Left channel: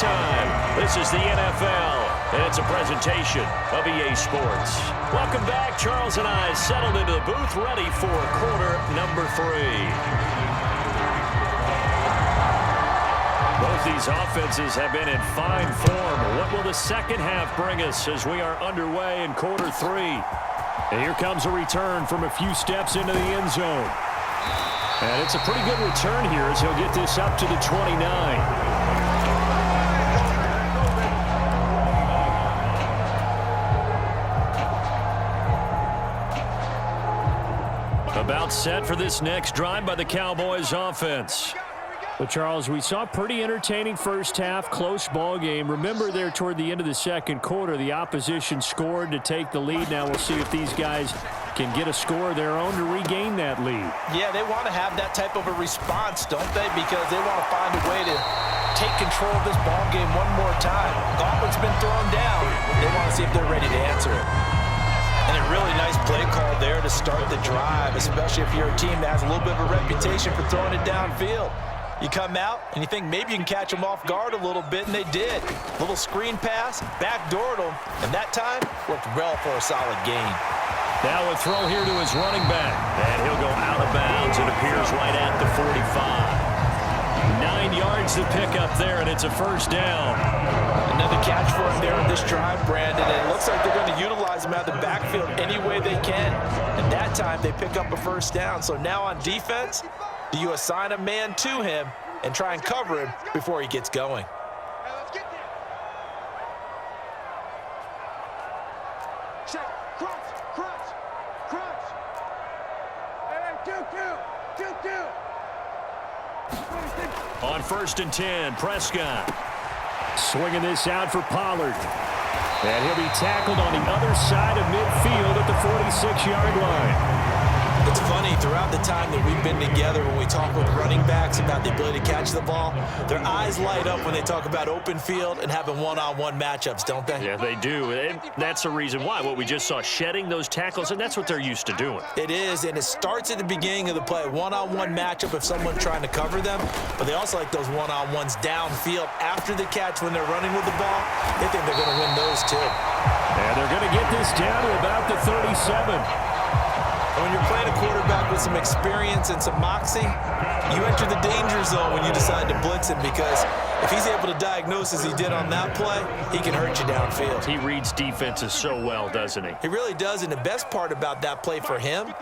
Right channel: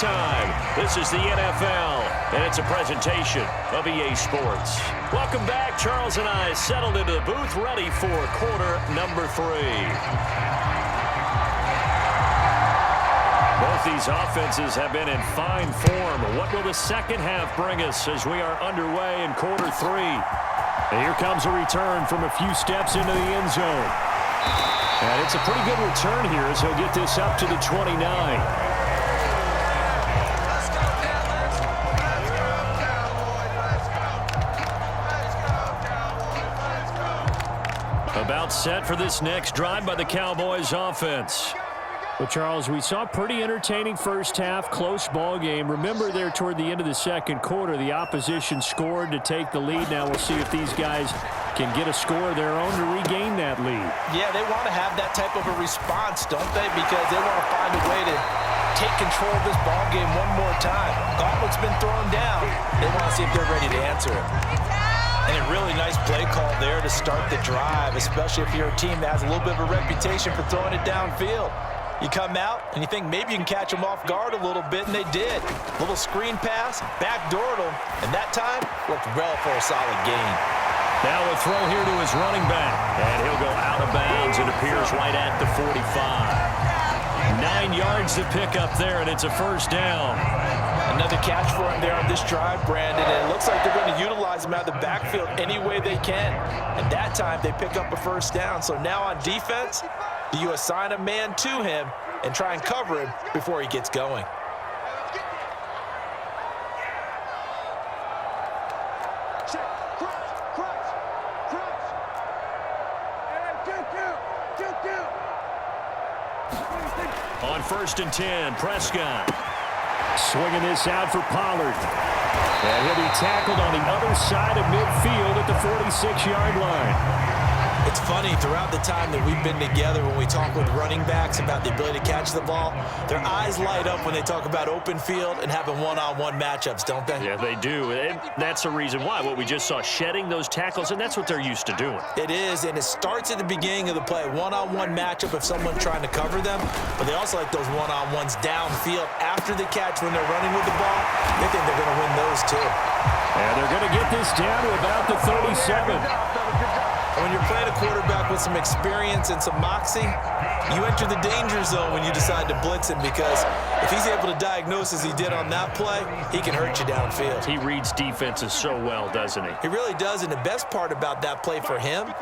time. This is the NFL, and it's a presentation of EA Sports. Welcome back. Charles and I settled into the booth, ready for quarter number 3. Both these offenses have been in fine form. What will the second half bring us as we are underway in quarter 3? And here comes a return from a few steps into the end zone. And it's a pretty good return here as he'll get this up to the 29. About set for this next drive by the Cowboys offense. Well, Charles, we saw a pretty entertaining first half, close ball game. Remember there toward the end of the second quarter, the opposition scored to take the lead. Now we'll see if these guys can get a score of their own to regain that lead. Yeah, they want to have that type of a response, don't they? Because they want to find a way to take control of this ball game one more time. Gauntlet's been thrown down. They want to see if they're ready to answer it. And a really nice play call there to start the drive, especially if you're a team that has a little bit of a reputation for throwing it downfield. You come out and you think maybe you can catch them off guard a little bit, and they did. Little screen pass, backdoored them, and that time worked well for a solid gain. Now a throw here to his running back, and he'll go out of bounds. It appears right at the 45. 9 yards to pick up there, and it's a first down. Another catch for him there on this drive, Brandon, and it looks like they're going to utilize him out of the backfield any way they can. And that time they pick up a first down. So now on defense, do you assign a man to him and try and cover him before he gets going? Check, crunch. And 2-2. On 1st and 10, Prescott. Swinging this out for Pollard. And he'll be tackled on the other side of midfield at the 46-yard line. It's funny, throughout the time that we've been together, when we talk with running backs about the ability to catch the ball, their eyes light up when they talk about open field and having one-on-one matchups, don't they? Yeah, they do. And that's the reason why. What we just saw, shedding those tackles, and that's what they're used to doing. It is, and it starts at the beginning of the play. One-on-one matchup if someone's trying to cover them, but they also like those one-on-ones downfield after the catch when they're running with the ball. They think they're going to win those too. And they're going to get this down to about the 37. And when you're playing a quarterback with some experience and some moxie, you enter the danger zone when you decide to blitz him, because if he's able to diagnose as he did on that play, he can hurt you downfield. He reads defenses so well, doesn't he? He really does, and the best part about that play for him,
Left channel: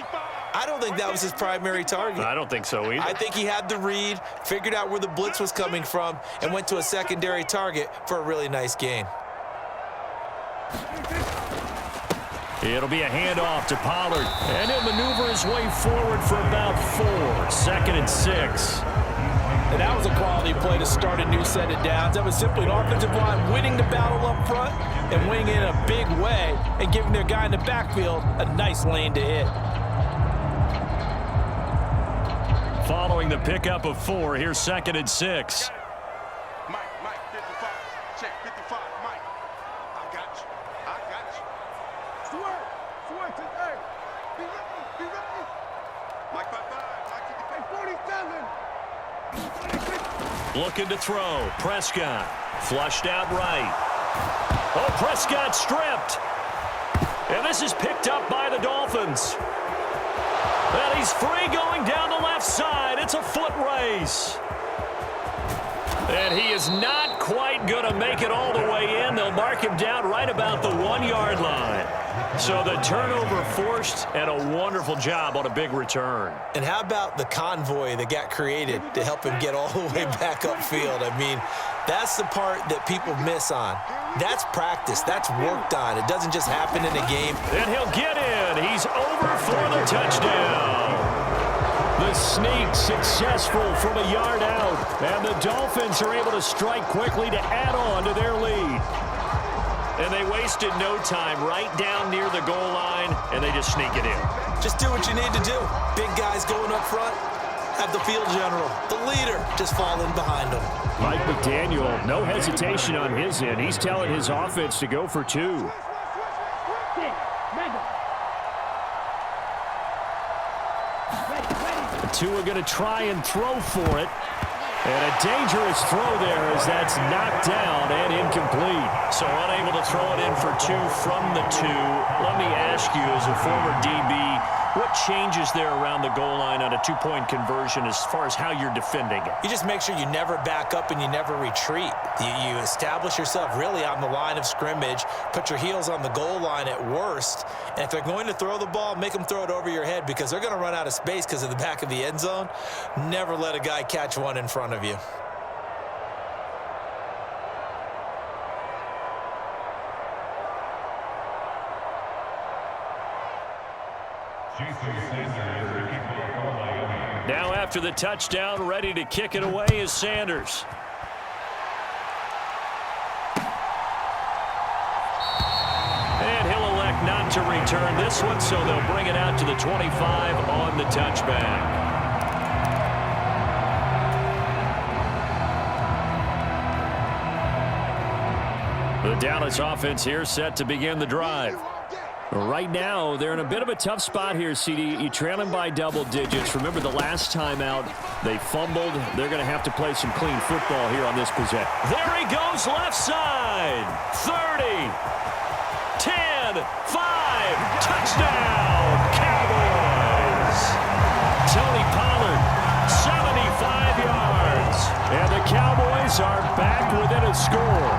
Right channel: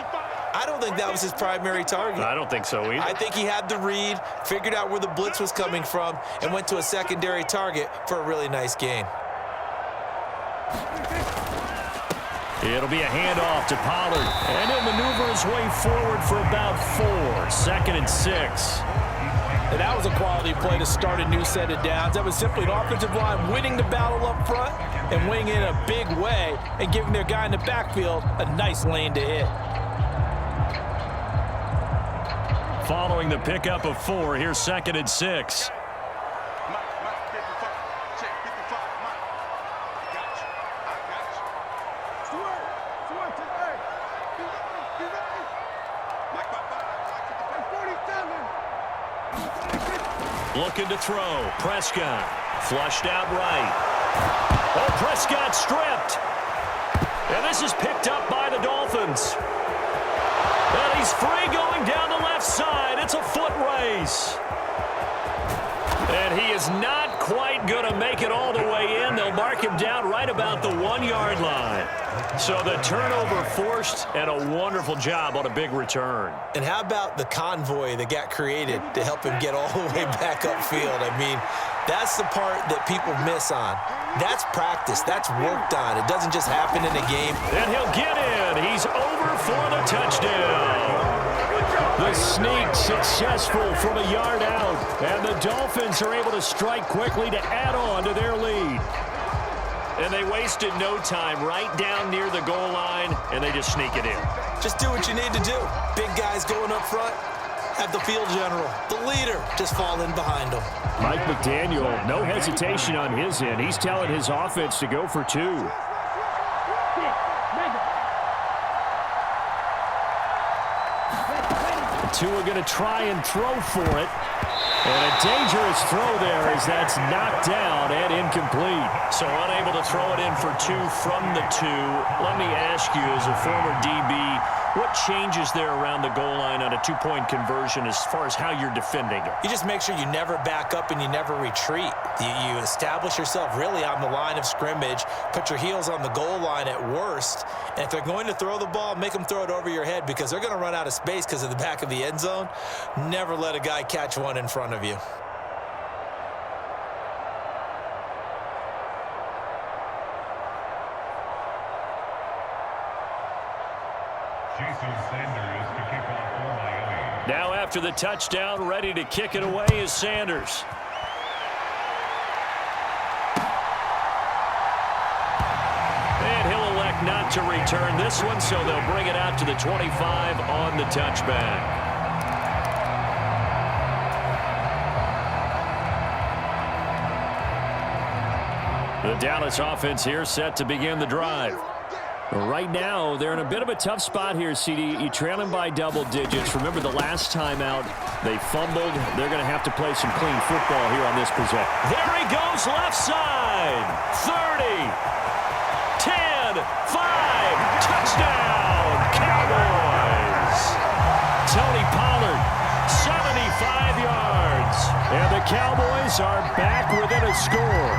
I don't think that was his primary target. I don't think so either. I think he had the read, figured out where the blitz was coming from, and went to a secondary target for a really nice gain. It'll be a handoff to Pollard, and he'll maneuver his way forward for about 4. 2nd and 6. And that was a quality play to start a new set of downs. That was simply an offensive line winning the battle up front and winning in a big way and giving their guy in the backfield a nice lane to hit. Following the pickup of 4, here's 2nd and 6. Mike, 55. Check, 55. Mike, I got you. Stuart, hey, be ready. Mike, 55. Mike, 47. Looking to throw. Prescott. Flushed out right. Oh, Prescott stripped. And this is picked up by the Dolphins. And he's free going down the left side. It's a foot race. And he is not quite going to make it all the way in. They'll mark him down right about the 1-yard line. So the turnover forced, and a wonderful job on a big return. And how about the convoy that got created to help him get all the way back upfield? I mean, that's the part that people miss on. That's practice. That's worked on. It doesn't just happen in a game. And he'll get in. He's over for the touchdown. The sneak successful from a yard out. And the Dolphins are able to strike quickly to add on to their lead. And they wasted no time right down near the goal line, and they just sneak it in. Just do what you need to do. Big guys going up front, have the field general, the leader, just fall in behind them. Mike McDaniel, no hesitation on his end. He's telling his offense to go for 2. Tua going to try and throw for it. And a dangerous throw there as that's knocked down and incomplete. So unable to throw it in for 2 from the 2. Let me ask you, as a former DB, what changes there around the goal line on a 2-point conversion as far as how you're defending it? You just make sure you never back up and you never retreat. You establish yourself really on the line of scrimmage, put your heels on the goal line at worst, and if they're going to throw the ball, make them throw it over your head because they're going to run out of space because of the back of the end zone. Never let a guy catch one in front of you. Now after the touchdown, ready to kick it away is Sanders. And he'll elect not to return this one, so they'll bring it out to the 25 on the touchback. The Dallas offense here set to begin the drive. Right now, they're in a bit of a tough spot here, CD. You trail them by double digits. Remember the last time out, they fumbled. They're going to have to play some clean football here on this possession. There he goes, left side. 30, 10, 5, touchdown, Cowboys. Tony Pollard, 75 yards. And the Cowboys are back within a score.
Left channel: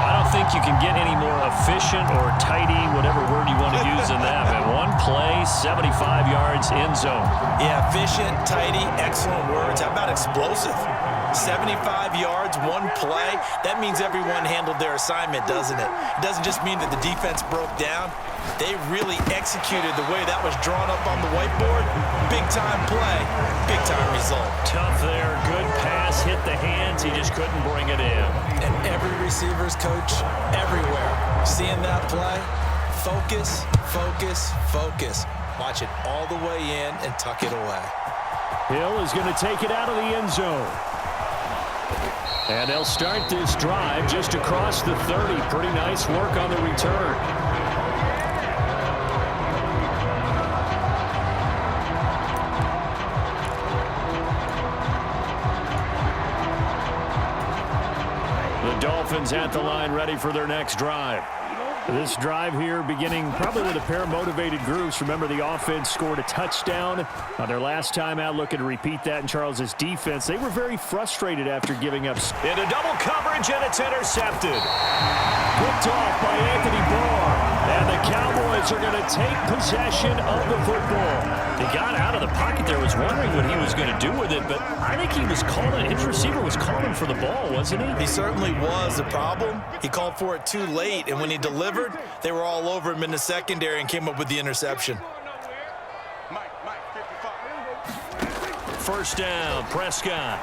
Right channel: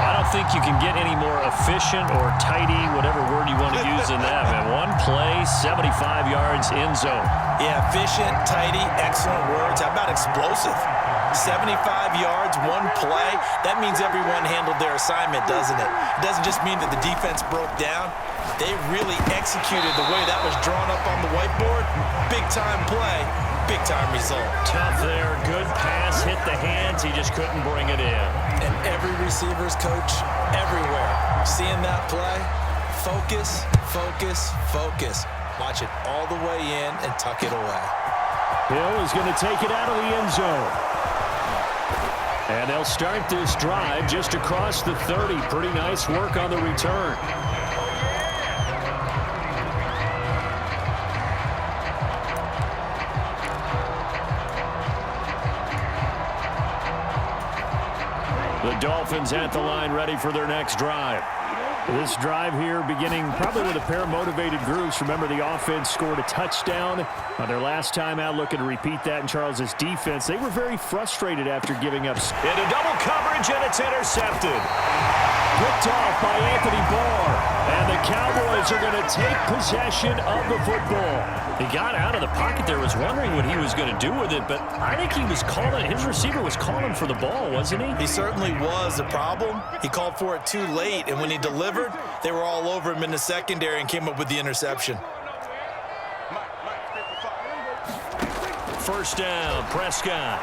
I don't think you can get any more efficient or tidy, whatever word you want to use in that. Man, one play, 75 yards, end zone. Yeah, efficient, tidy, excellent words. How about explosive? 75 yards, one play. That means everyone handled their assignment, doesn't it? It doesn't just mean that the defense broke down. They really executed the way that was drawn up on the whiteboard. Big-time play, big-time result. Tough there. Good pass, hit the hands. He just couldn't bring it in. And every receiver's coach everywhere. Seeing that play, focus, focus, focus. Watch it all the way in and tuck it away. Hill is going to take it out of the end zone. And they'll start this drive just across the 30. Pretty nice work on the return. The Dolphins at the line ready for their next drive. This drive here beginning probably with a pair of motivated groups. Remember, the offense scored a touchdown on their last time out. Looking to repeat that in Charles's defense. They were very frustrated after giving up. Into double coverage, and it's intercepted. Picked off by Anthony Barr. And the Cowboys are going to take possession of the football. He got out of the pocket there, was wondering what he was going to do with it, but I think he was calling, his receiver was calling for the ball, wasn't he? He certainly was. The problem, he called for it too late, and when he delivered, they were all over him in the secondary and came up with the interception. First down, Prescott.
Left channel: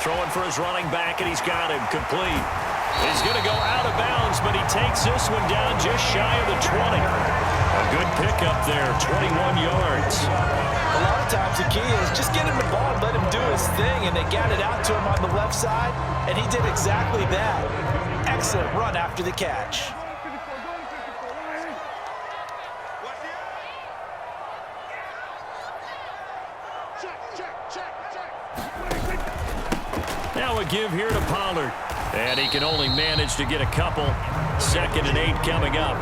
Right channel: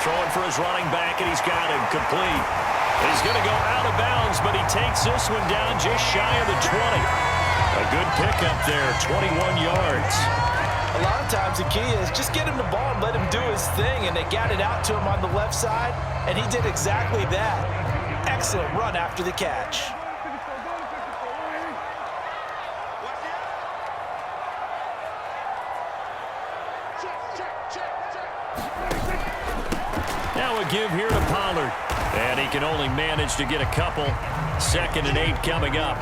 Throwing for his running back, and he's got him complete. He's going to go out of bounds, but he takes this one down just shy of the 20. A good pickup there, 21 yards. A lot of times the key is just get him the ball and let him do his thing, and they got it out to him on the left side, and he did exactly that. Excellent run after the catch. Now a give here to Pollard. And he can only manage to get a couple. 2nd and 8 coming up.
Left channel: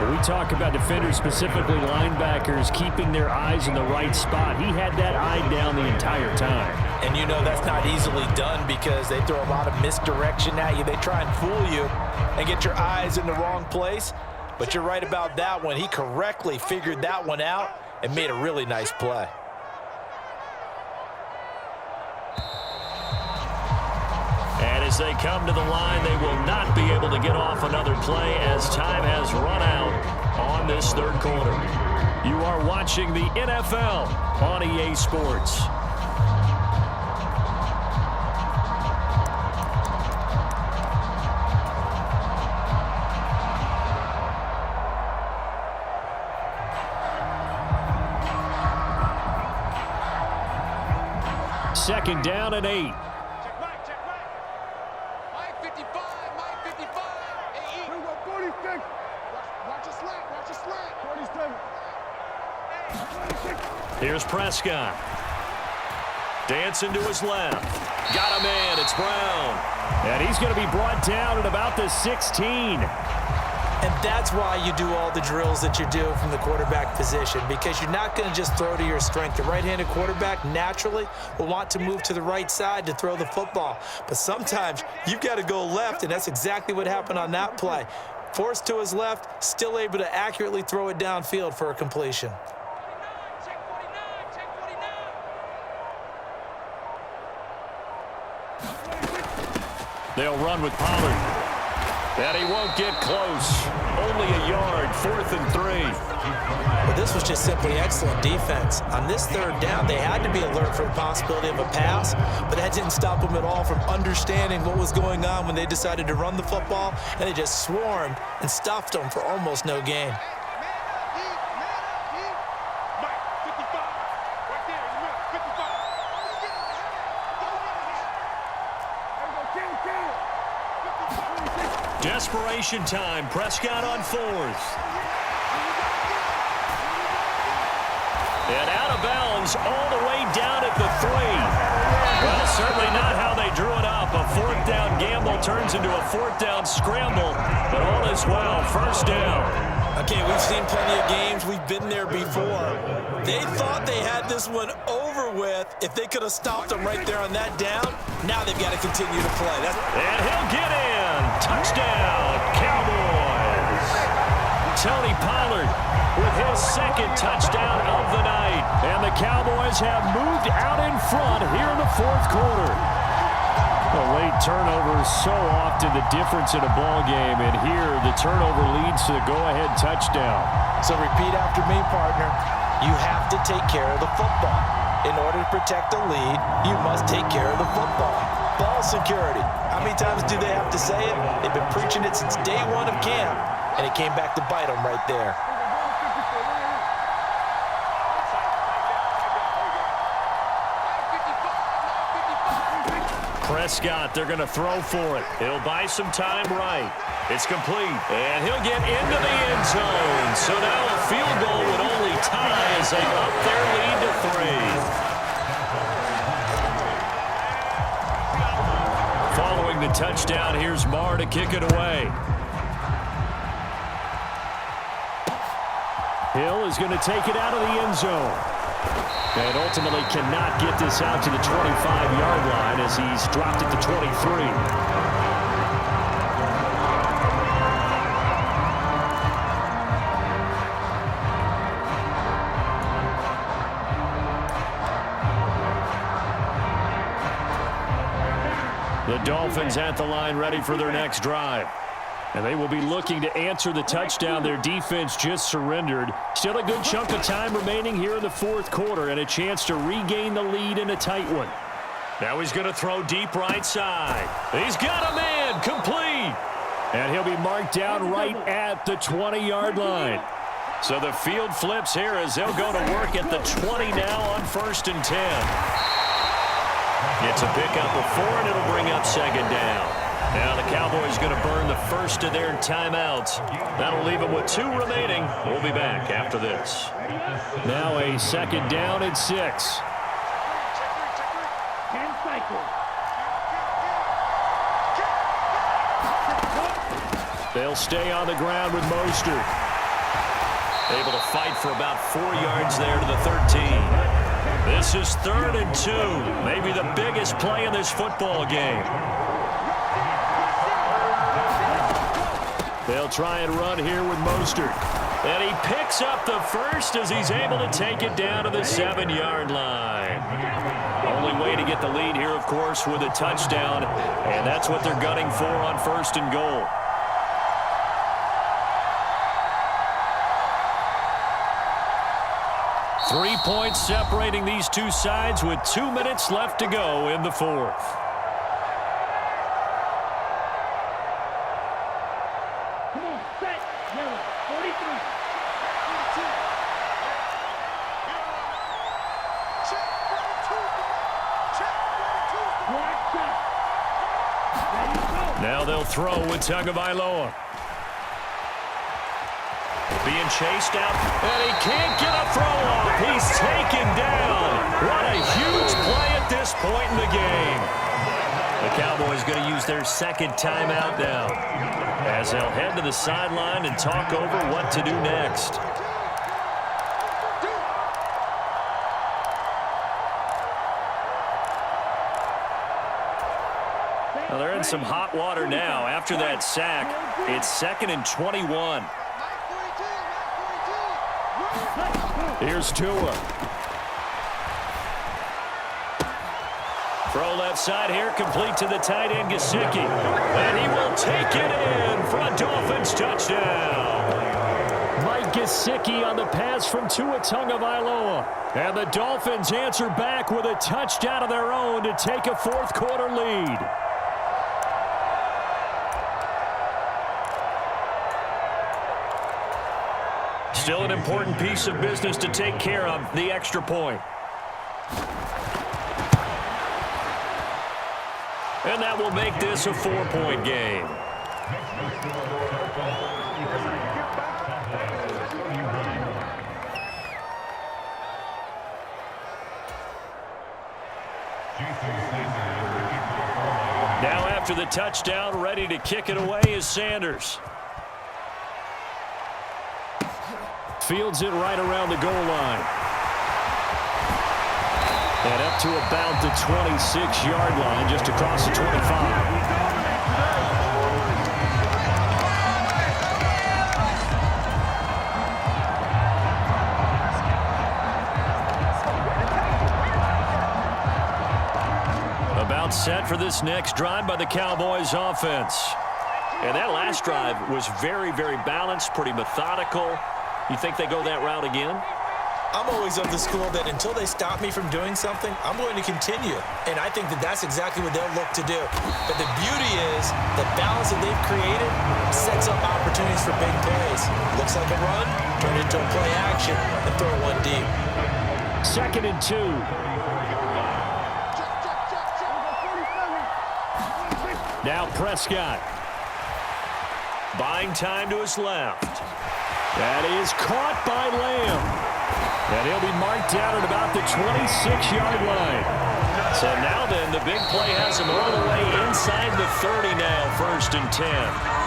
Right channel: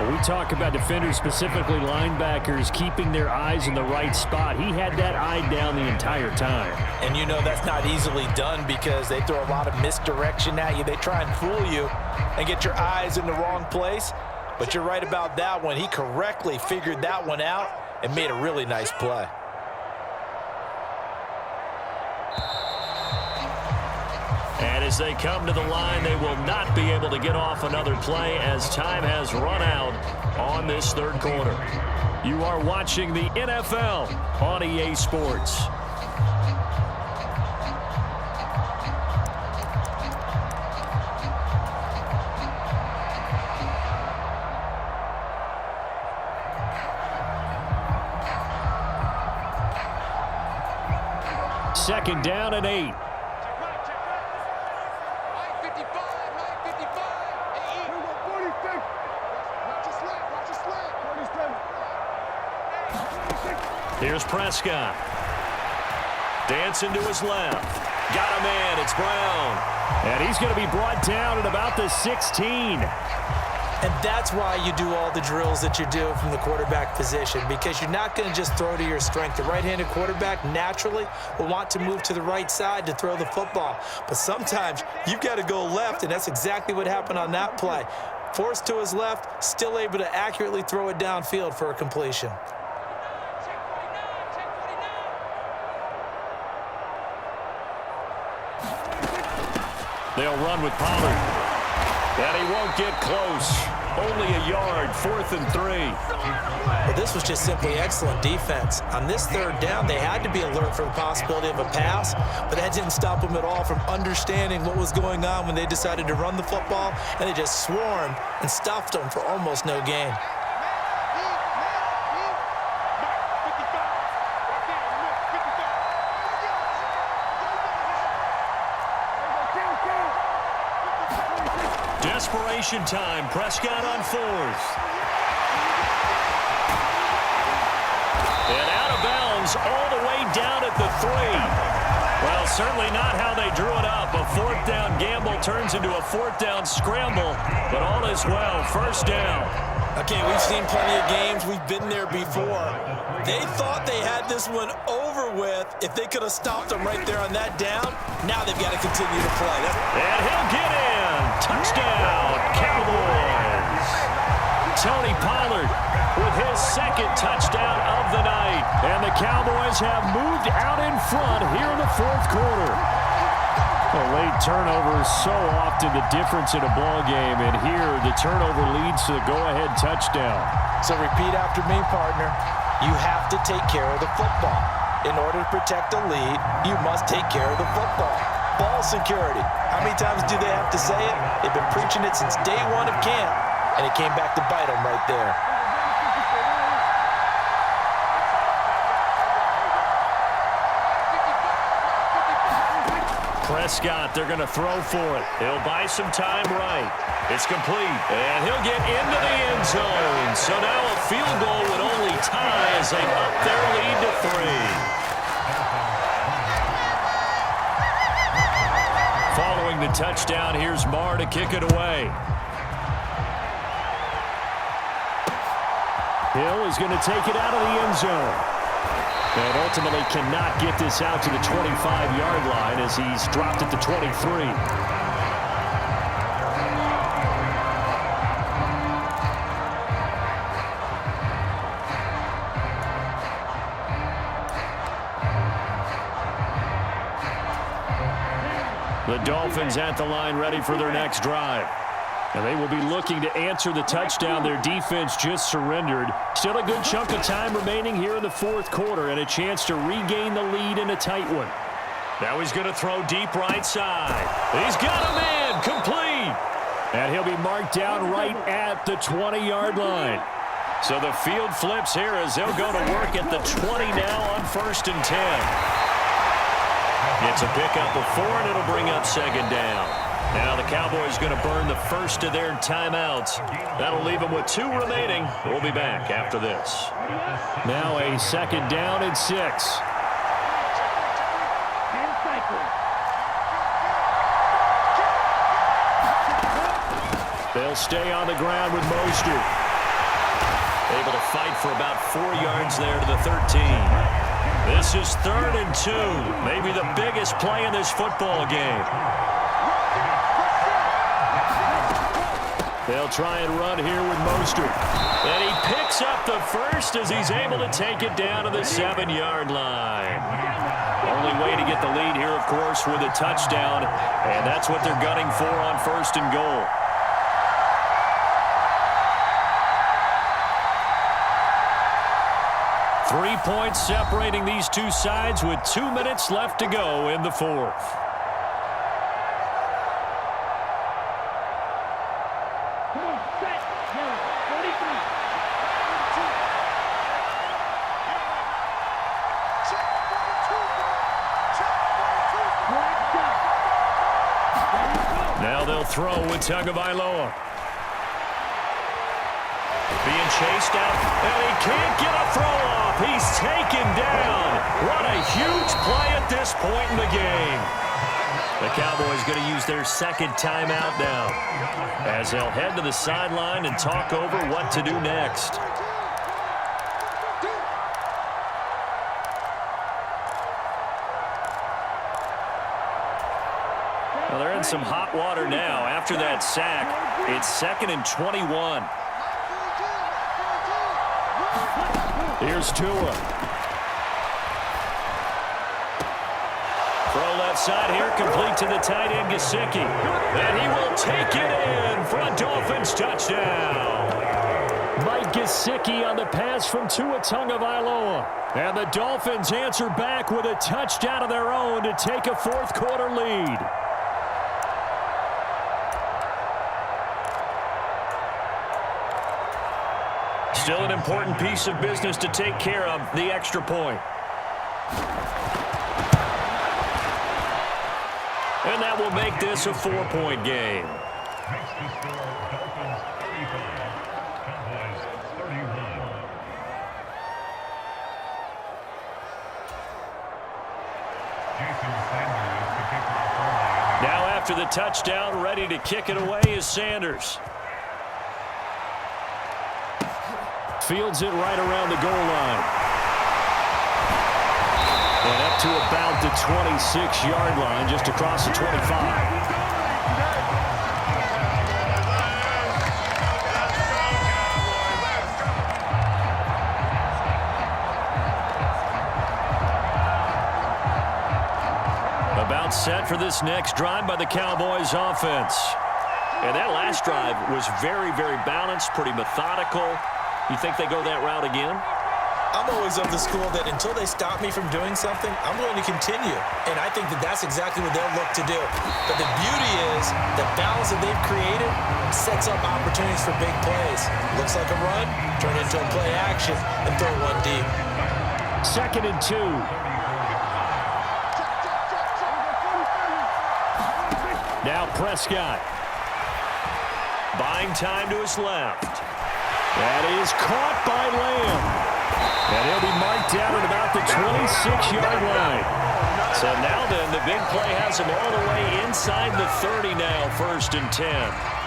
When we talk about defenders, specifically linebackers, keeping their eyes in the right spot, he had that eye down the entire time. And you know that's not easily done because they throw a lot of misdirection at you. They try and fool you and get your eyes in the wrong place. But you're right about that one. He correctly figured that one out and made a really nice play. And as they come to the line, they will not be able to get off another play as time has run out on this third quarter. You are watching the NFL on EA Sports. Second down and 8. Watch your slant. 47. Here's Prescott. Dancing to his left. Got a man. It's Brown. And he's going to be brought down at about the 16. And that's why you do all the drills that you do from the quarterback position, because you're not going to just throw to your strength. The right-handed quarterback naturally will want to move to the right side to throw the football. But sometimes you've got to go left, and that's exactly what happened on that play. Forced to his left, still able to accurately throw it downfield for a completion. They'll run with Pollard. And he won't get close. Only a yard, 4th and 3. Well, this was just simply excellent defense. On this 3rd down, they had to be alert for the possibility of a pass, but that didn't stop them at all from understanding what was going on when they decided to run the football, and they just swarmed and stuffed them for almost no gain. Desperation time. Prescott on 4th. And out of bounds all the way down at the 3. Well, certainly not how they drew it up. A 4th down gamble turns into a 4th down scramble, but all is well. 1st down. Okay, we've seen plenty of games. We've been there before. They thought they had this one over with. If they could have stopped them right there on that down, now they've got to continue to play. And he'll get in. Touchdown, Cowboys. Tony Pollard with his 2nd touchdown of the night. And the Cowboys have moved out in front here in the 4th quarter. A late turnover is so often the difference in a ball game, and here the turnover leads to the go-ahead touchdown. So repeat after me, partner. You have to take care of the football. In order to protect a lead, you must take care of the football. Ball security. How many times do they have to say it? They've been preaching it since day 1 of camp, and it came back to bite them right there. Prescott, they're going to throw for it. He'll buy some time right. It's complete, and he'll get into the end zone. So now a field goal would only tie as they up their lead to 3. Following the touchdown, here's Marr to kick it away. Hill is going to take it out of the end zone. And ultimately cannot get this out to the 25-yard line as he's dropped at the 23. The Dolphins at the line ready for their next drive. And they will be looking to answer the touchdown their defense just surrendered. Still a good chunk of time remaining here in the 4th quarter and a chance to regain the lead in a tight one. Now he's going to throw deep right side. He's got a man, complete. And he'll be marked down right at the 20-yard line. So the field flips here as they'll go to work at the 20 now on 1st and 10. It's a pickup of 4, and it'll bring up 2nd down. Now the Cowboys going to burn the first of their timeouts. That'll leave them with 2 remaining. We'll be back after this. Now a 2nd down and 6. They'll stay on the ground with Mostert. Able to fight for about 4 yards there to the 13. This is 3rd and 2. Maybe the biggest play in this football game. They'll try and run here with Mostert. And he picks up the first as he's able to take it down to the 7-yard line. Only way to get the lead here, of course, with a touchdown. And that's what they're gunning for on 1st and goal. Three points separating these two sides with 2 minutes left to go in the 4th. Come on, set, yellow, 43. Check 42's the mark. Check 42's the mark. Black shot. Ready, go. Now they'll throw with Tagovailoa. Being chased out, and he can't get a throw off. He's taken down. What a huge play at this point in the game. The Cowboys going to use their second timeout now, as they'll head to the sideline and talk over what to do next. Well, they're in some hot water now. After that sack, it's 2nd and 21. Here's Tua. Throw left side here, complete to the tight end, Gesicki. And he will take it in for a Dolphins touchdown. Mike Gesicki on the pass from Tua Tagovailoa. And the Dolphins answer back with a touchdown of their own to take a fourth-quarter lead. Still an important piece of business to take care of, the extra point. And that will make this a 4-point game. Now after the touchdown, ready to kick it away is Sanders. Fields it right around the goal line. And up to about the 26-yard line, just across the 25. About set for this next drive by the Cowboys offense. And that last drive was very, very balanced, pretty methodical. You think they go that route again? I'm always of the school that until they stop me from doing something, I'm going to continue. And I think that that's exactly what they'll look to do. But the beauty is the balance that they've created sets up opportunities for big plays. Looks like a run, turn it into a play action, and throw one deep. 2nd and 2. Now Prescott. Buying time to his left. That is caught by Lamb. And he'll be marked down at about the 26-yard line. So now then, the big play has him all the way inside the 30 now, 1st and 10.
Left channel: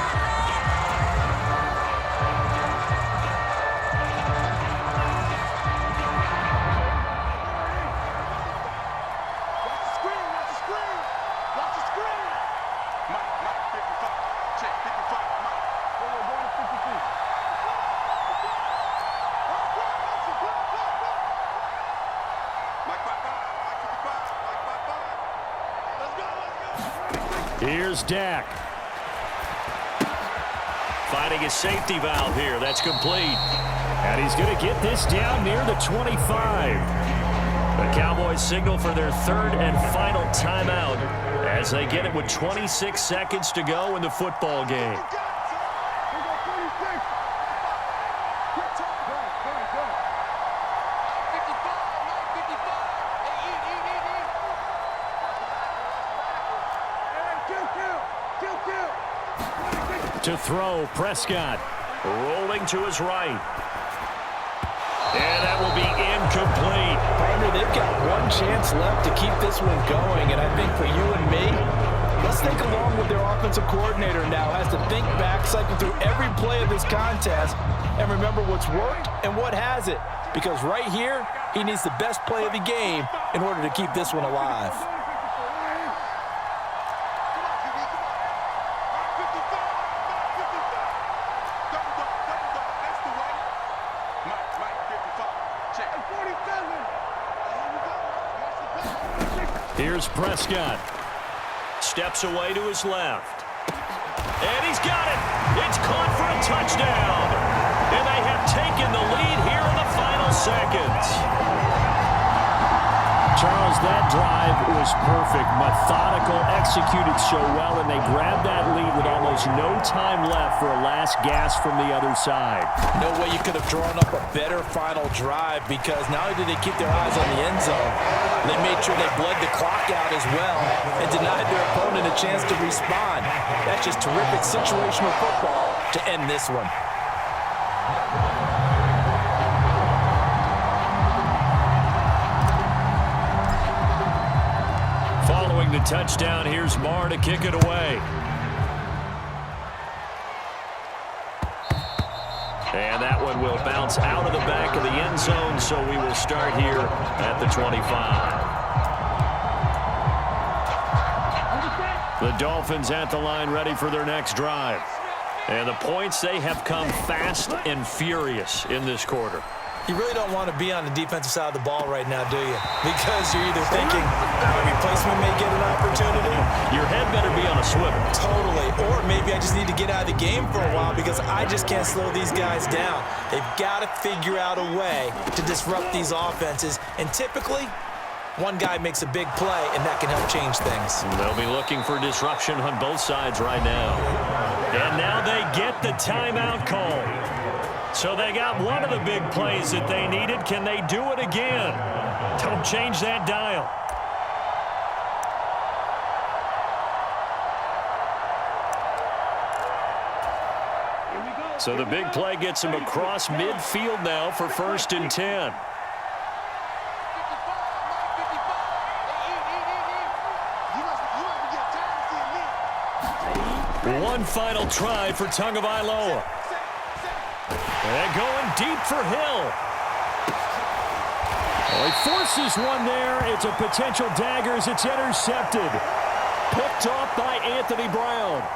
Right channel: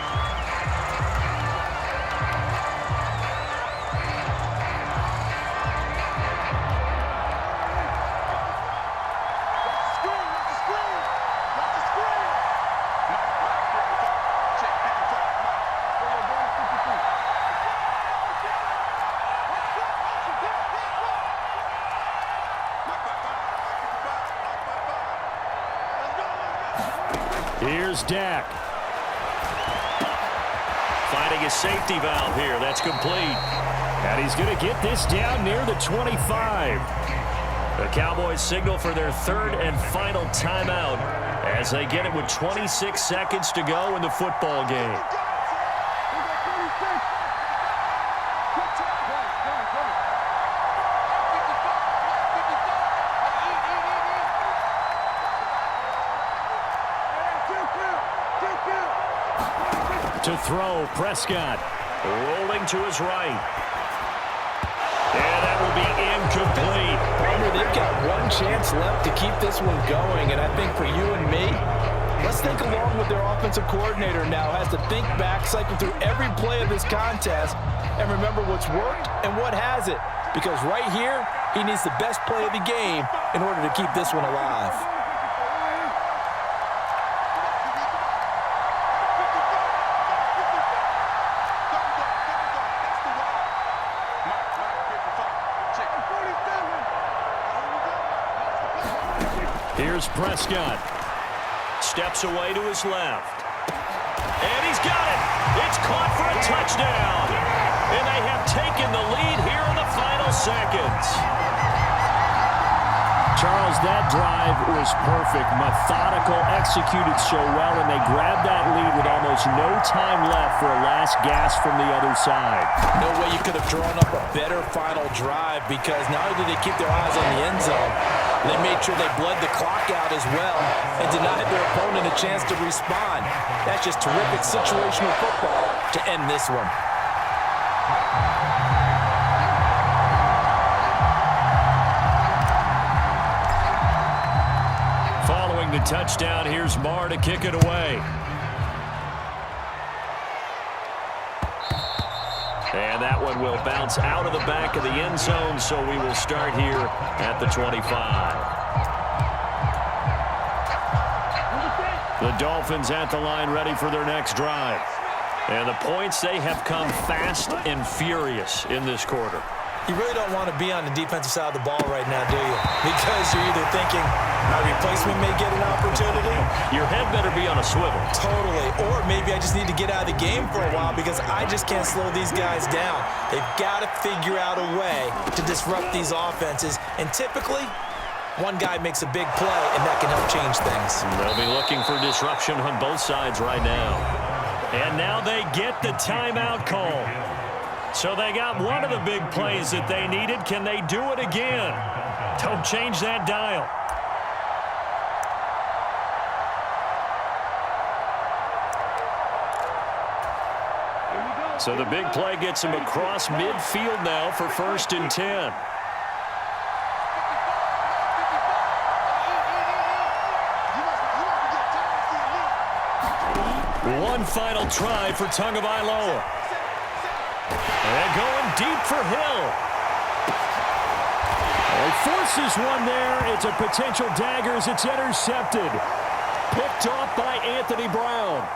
Here's Dak. Finding a safety valve here. That's complete. And he's going to get this down near the 25. The Cowboys signal for their 3rd and final timeout as they get it with 26 seconds to go in the football game. To throw, Prescott rolling to his right. And that will be incomplete. Partner, they've got one chance left to keep this one going, and I think for you and me, let's think along with their offensive coordinator now. Has to think back, cycle through every play of this contest, and remember what's worked and what hasn't. Because right here, he needs the best play of the game in order to keep this one alive. Here's Prescott. Steps away to his left. And he's got it. It's caught for a touchdown. And they have taken the lead here in the final seconds. Charles, that drive was perfect. Methodical, executed so well, and they grabbed that lead with almost no time left for a last gasp from the other side. No way you could have drawn up a better final drive, because not only did they keep their eyes on the end zone, they made sure they bled the clock out as well and denied their opponent a chance to respond. That's just terrific situational football to end this one. Following the touchdown, here's Marr to kick it away. And that one will bounce out of the back of the end zone, so we will start here at the 25. The Dolphins at the line ready for their next drive. And the points, they have come fast and furious in this quarter. You really don't want to be on the defensive side of the ball right now, do you? Because you're either thinking my replacement may get an opportunity. Your head better be on a swivel. Totally. Or maybe I just need to get out of the game for a while because I just can't slow these guys down. They've got to figure out a way to disrupt these offenses. And typically, one guy makes a big play, and that can help change things. They'll be looking for disruption on both sides right now. And now they get the timeout call. So they got one of the big plays that they needed. Can they do it again? Don't change that dial. So the big play gets him across midfield now for 1st and 10. One final try for Tagovailoa. And going deep for Hill. Oh, he forces one there. It's a potential dagger as it's intercepted. Picked off by Anthony Brown.